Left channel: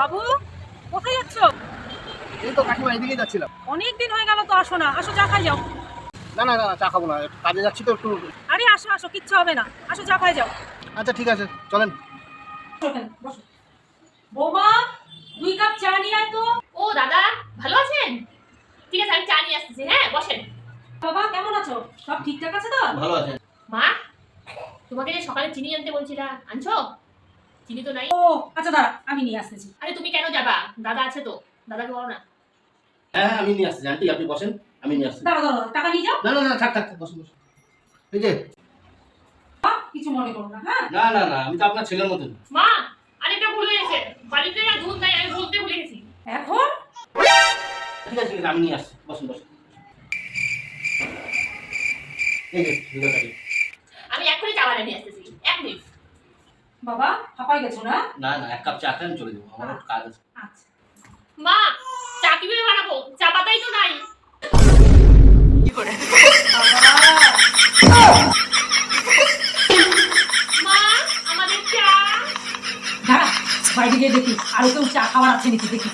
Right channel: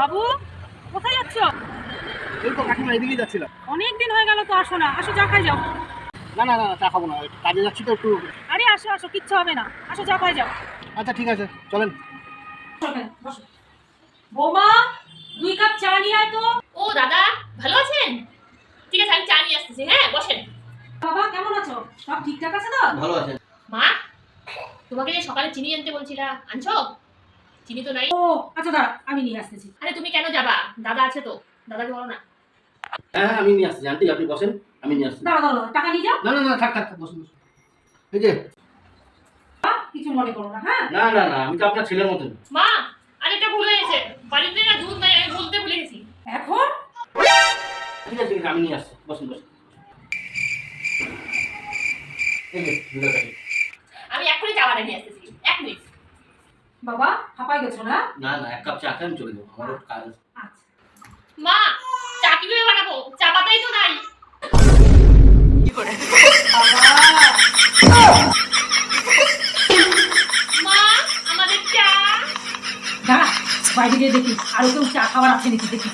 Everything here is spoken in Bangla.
বাবু, কোথায় যাচ্ছ? এই তো কাকিমা, এদিকে যাচ্ছিলাম। অনেক দিন হয়ে গেল তো আসো না। আসো, চা খাই যাও। না না না না, চা খাবো না, একটু কাজে যাচ্ছি তো একটু। আরে আসো আসো, কিচ্ছু হবে না। আসো, চা খাই যাও। আচ্ছা ঠিক আছে, চলেন। বসো। বৌমা, 2 কাপ চা নিয়ে আয় তো। ও দাদা, ভালো আছেন? ঠিক আছে, আমি চা নিয়ে আসতেছি। হ্যাঁ, বসেন। বাবা, কেমন আছো? সব ঠিকঠাক আছে তো? ভালো আছেন? মা, তোমাকে যে সকালে চিনি আনতে বলছিলাম, আনছো? চিনি তো নাই। ও আচ্ছা, দাঁড়া, আমি নিয়ে আসতেছি। আরে তুমি কেন যাবা? দাদা আছে তো, দাদাকে বলো না। হ্যাঁ হ্যাঁ, আমি নিয়ে আসছি আন্টি, আপনি বসেন, আমি নিয়ে আসছি। দাঁড়া দাঁড়া, টাকা নিয়ে যাও। না না না, থাক থাক থাক, বসুন বসুন। এই যে। কিছু মনে করো না, হ্যাঁ? না না না, আমি তো আপনার ছেলের মতন। মা, আরেকটা ভুল হয়েছে। বাড়িতে না দুধ নাই, আমি বলতে ভুলে গেছি। এখন ঠিক আছে ঠিক আছে, আমি নিয়ে আসছি, বসুন বসুন। এই যে দুধের প্যাকেট। আমি এখনই চা বানিয়ে নিয়ে আসতেছি, 1 মিনিট। বাবা, হাঁপাই গেছো না? না না, 1 কাপ চা খান, চলে যাবো, আমার একটু কাজ আছে। আচ্ছা। মা, চা কিভাবে বানাবো? চা পাতাই তো নাই। মা, আমাদের চা। দাঁড়া, বাইরে গিয়ে দেখি আরো কেউ চা খাবার আছে নাকি দেখি।